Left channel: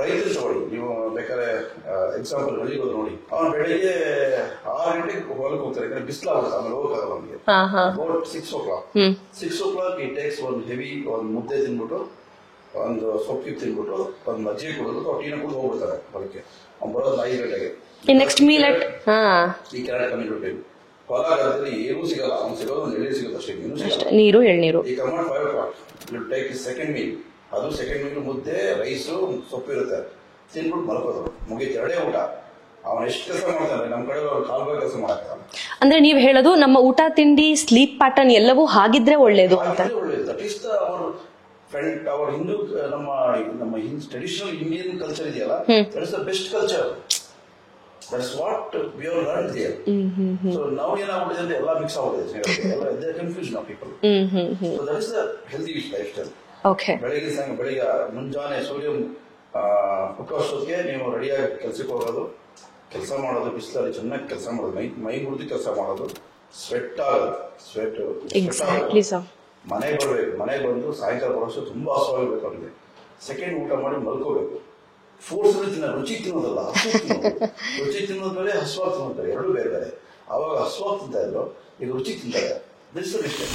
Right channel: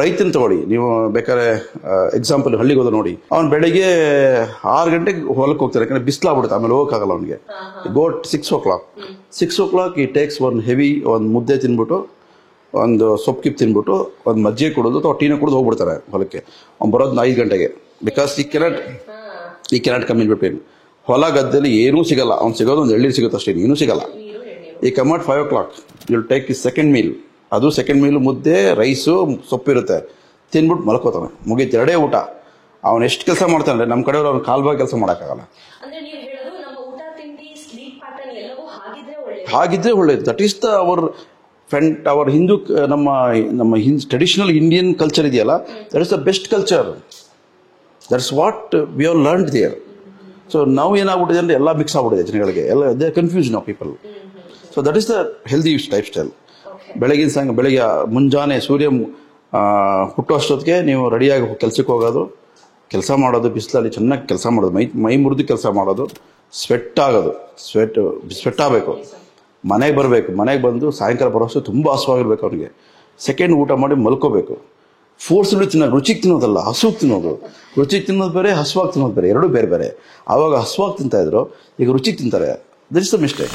ರೈತನ ತಗೊಳ್ಳಿ, ನೀವು ಬೇಕಾದ್ರೆ ಎಕ್ಸಾಂಪಲ್ ಹಳ್ಳಿಗೆ ಹೋದ ನೋಡಿ, ಅವ್ನು ಬೆಳಿಗ್ಗೆ 6 ಗಂಟೆಗೆ ಹೊಲಕ್ಕೆ ಹೋಗ್ತಾರೆ, ಯಾಕಂದ್ರೆ ಬಿಸಿಲಾಗ್ಬಿಡುತ್ತೆ, ಆಮೇಲೆ ಹೋಗಕ್ಕಾಗಲ್ಲ ಅವ್ನಿಗೆ. ಗೋಟ್ 6 o'clock. 6 o'clock ಈ ಟೇಕ್ಸ್ ಒಂದು ಮುದ್ದೆ ತಿನ್ಬಿಟ್ಟು, ಒಂದು ಸೊಪ್ಪು ಕಿಪ್ ತಿನ್ಬಿಟ್ಟು, ಒಂದು ಮಜ್ಜಿಗೆ ಕುಡಿದು ಅಥವಾ ಟೀನ ಕುಡಿದು ಹೋಗ್ಬಿಡ್ತಾರೆ ಹೊಲಕ್ಕೆ. ಅವ್ನು ಬರೋದು 5 ಗಂಟೆಗೆ. ಬಿಕಾಸ್ ಈ ಕೆನಾಟ್ ಕಮ್ ಇನ್ ಬಿಟ್ವೀನ್. ಹೊಲ ಗದ್ದೆಲಿ ಏನೂ ಸಿಗಲ್ಲ, ಅವ್ನು ಸಿಗೋದು ಒಂದು ಎಳ್ನೀರು ಸಿಗುತ್ತೆ ಅಷ್ಟೇ, ಏನೂ ಸಿಗಲ್ಲ. ನೀರು ಎಳ್ನೀರು. ಈ come at 5 o'clock you'll take is second meal. ಅದು ಸೆಕೆಂಡ್ ಮೀಲ್ ಮುದ್ದೆ, ರೈಸು, ಸೊಪ್ಪಿರುತ್ತೆ, ತಿನ್ಬಿಟ್ಟು ಮಲ್ಕೋತಾನೆ, ಮುಗೀತು, 2 ಊಟ. ಅವನು ಎಷ್ಟು ಕೆಲಸ ಮಾಡ್ತಾನೆ, ನಮ್ಮ ಕಡೆ ಅವ್ನು ಕಾಲ್ಬಾಗಿ ಕೆಲಸ ಮಾಡೋಕ್ಕಾಗಲ್ಲ. ಅಂದ್ರೆ ನೀವು ಹೇಳೋದು ನಮ್ಮ ಊಟ ತಿಂಡಿ ಸ್ಲೀಪ್ ಪ್ಯಾಟರ್ನ್ ಎಲ್ಲವೂ ಹಾಗಿದ್ರೆ ಒಳ್ಳೇದು. That is the our Hindu, ನಮ್ಮ ಟ್ರೆಡಿಷನಲ್ ಇಂಡಿಯನ್ ಕಲ್ಚರ್ ಇದೆಯಲ್ಲ, that is the best culture. That's what we have learned there. So ನಾವು ಏನಾಗ್ಬಿಟ್ಟಿದೆ ಅಂದ್ರೆ ಎಲ್ಲ ಮಿಕ್ಸ್ ಆಗ್ಬಿಟ್ಟಿದೆ ಜನಗಳಿಗೆ, ಎಲ್ಲ the confusion of people. So that is the healthy life style. ಬೆಳಗ್ಗೆ ಮುಂಜಾನೆ ಸೂರ್ಯ ಹುಟ್ಟೋ ಅಷ್ಟೊತ್ತಿಗೆ ನೀವು ರೆಡಿಯಾಗಿ ಕೆಲ್ಸಕ್ಕೆ ಹೋಗೋದು, ಕೆಲಸ ಮಾಡೋದು, ಬಿಸಿಲಲ್ಲಿ ಚೆನ್ನಾಗಿ ಕೆಲಸ ಮಾಡೋದು, ಮೈ ಮುರಿದು ಕೆಲಸ ಮಾಡೋದು, ಸ್ವೆಟ್ ಆಗೋದು, ಸ್ವೆಟ್ ಆಗಬೇಕು, ಮನೆಗೆ ಬರಬೇಕು, ಮನೆಗೆ ಬಂದು ಸಾಯಂಕಾಲ ಬರೋಷ್ಟು ತುಂಬ ಹಸುವಾಗಿರ್ಬೇಕು ಅವನಿಗೆ. ಸೆಕೆಂಡ್ ಊಟ ಮಾಡಿ ಮಲ್ಕೋಬೇಕು. ಫೋರ್ಸ್ಲಿ ತಿನ್ನೋದು, ರುಚಿಗೆ ತಿನ್ನೋದಲ್ಲ, ಹಸುವಾಗಿ ತಿನ್ನೋದು. ರುಚಿಗೆ ತಿನ್ನೋದು ಬೇರೆ, ಹಸುವಾಗಿ ತಿನ್ನೋದು ಬೇರೆ, ಎರಡೂ ಬೇರೆ ಬೇರೆ. ಆವಾಗ ಹಸುವಾಗಿ ತಿಂತಾ ಇದ್ರು, ಈಗ ರುಚಿಗೆ ತಿಂತಾರೆ. That is the mistake.